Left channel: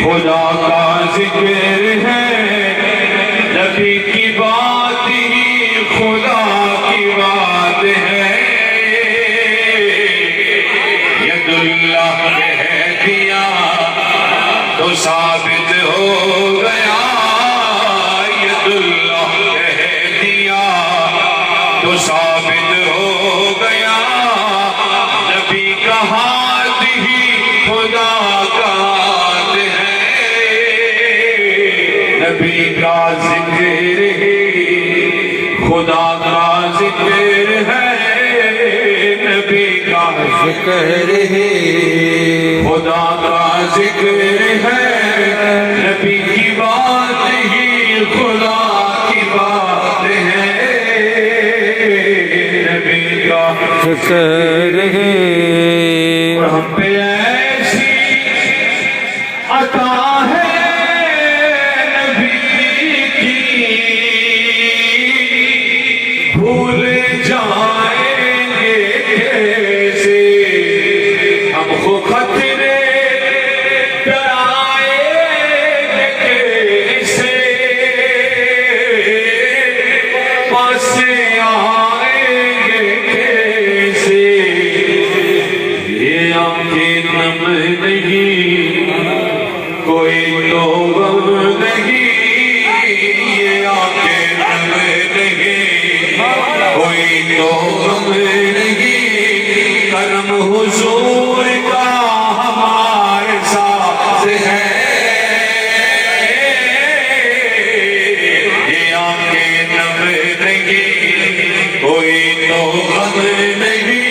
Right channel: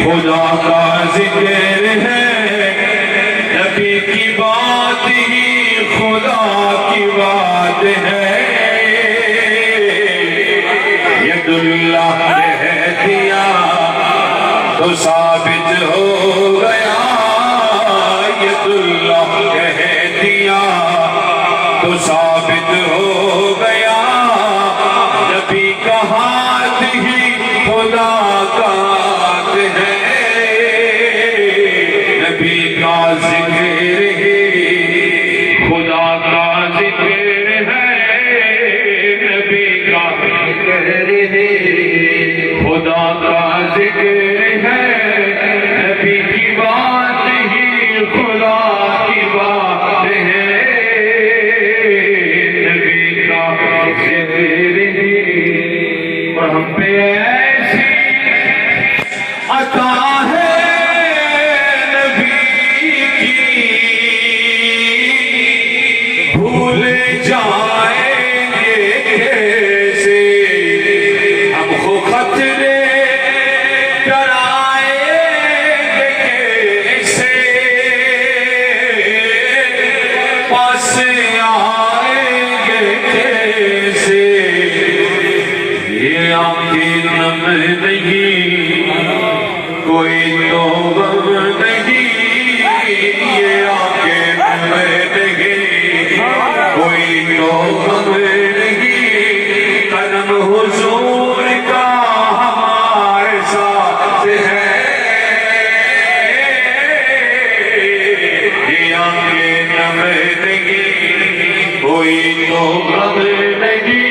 خدا کا ذکر ہے، نبی کی بات ہی خدا کی بات ہے۔ ید اللہ کہہ دیا تو ثابت ہو گیا، ید اللہ کہہ دیا تو ثابت ہو گیا، نبی کا ہاتھ ہی خدا کا ہاتھ ہے۔ نبی کا ذکر ہے، خدا کا ذکر ہے، نبی کا ذکر ہے، خدا کا ذکر ہے، نبی کی بات ہی خدا کی بات ہے۔ نبی کا ذکر ہے، اور ہم پہ ایسی عطا ہے نبی کی، بھول جائیں گے کیسے ہم کو خطرے، ڈرائیں گے کیسے پاس آئیں گے کیسے۔ یہ آنکھیں نم نہیں، کوئی تو غم نہیں، یہ آنکھیں نم نہیں، کوئی تو غم نہیں، کرم حضور کا ہمارے ساتھ ہے۔ یہ آنکھیں نم نہیں، کوئی تو غم نہیں،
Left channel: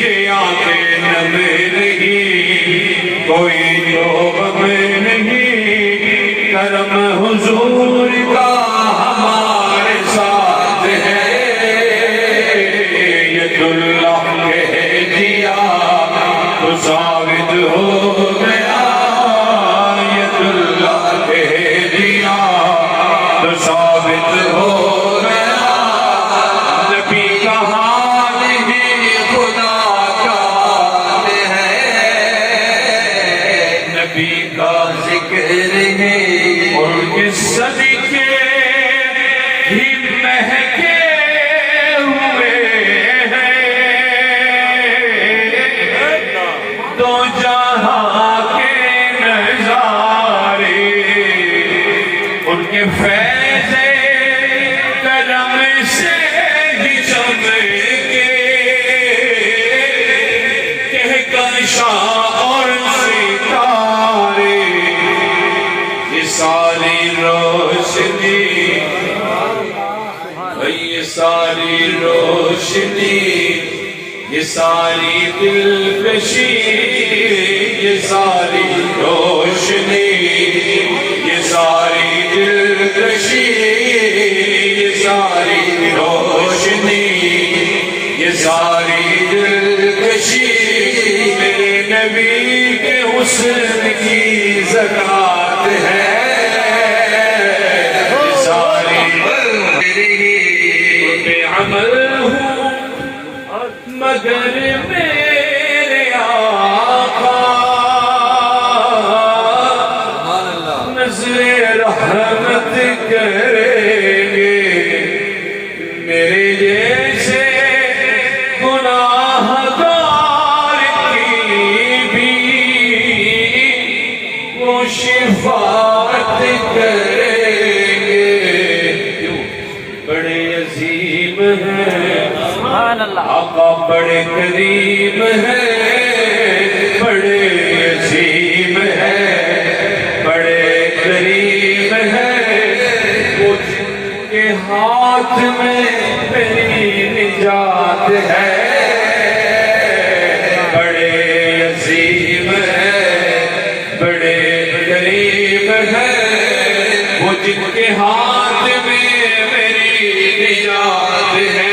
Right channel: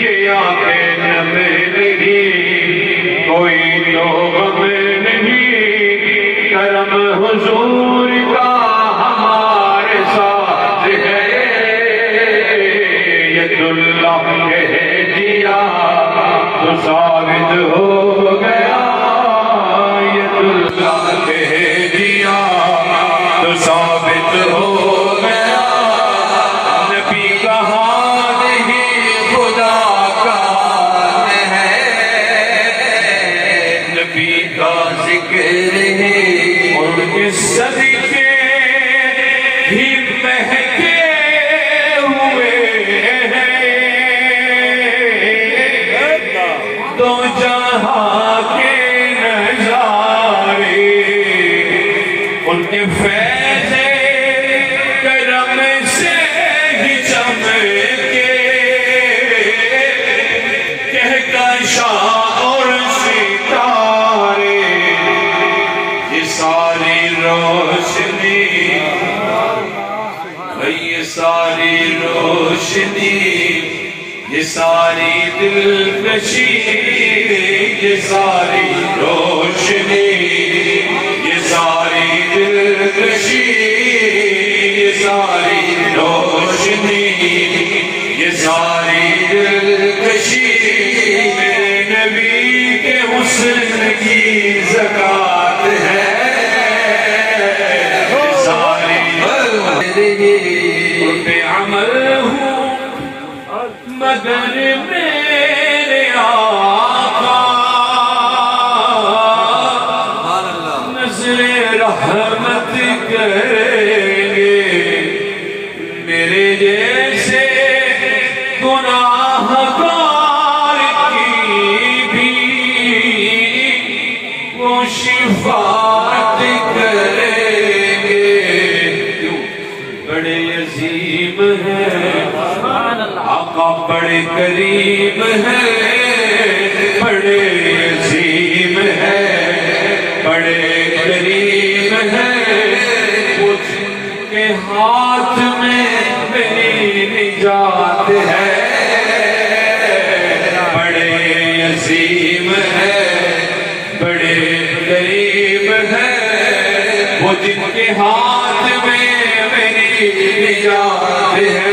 یہ آنکھیں نم نہیں، کوئی تو غم نہیں، کرم حضور کا ہمارے ساتھ ہے۔ ید اللہ کہہ دیا تو ثابت ہو گیا، ید اللہ کہہ دیا تو ثابت ہو گیا، نبی کا ہاتھ ہی خدا کا ہاتھ ہے۔ نبی کا ذکر ہے، اور اس صدقے ہی مہکے ہوئے ہیں دو جہاں کے نظارے، ان کے فیض کرم سے ہی چمکے، کہکشاں اور ستارے، یہ ساری روشنی، یہ ساری روشنی، یہ ساری دلکشی، یہ ساری روشنی، یہ ساری دلکشی، یہ ساری روشنی، یہ ساری دلکشی، نبی کے حسن کی زکات ہے۔ ساری عمل ہوں مگر میرے آقا، نظر رحمت کریں گے میرے جیسے گناہ گار کی بھی، وہ شفاعت کریں گے۔ بڑے عظیم ہیں آقا، بڑے کریم ہیں، بڑے عظیم ہیں، بڑے کریم ہیں، اس کے ہاتھ میں میری نجات ہے۔ بڑے عظیم ہیں، بڑے کریم ہیں، وہ جن کے ہاتھ میں میری نجات ہے۔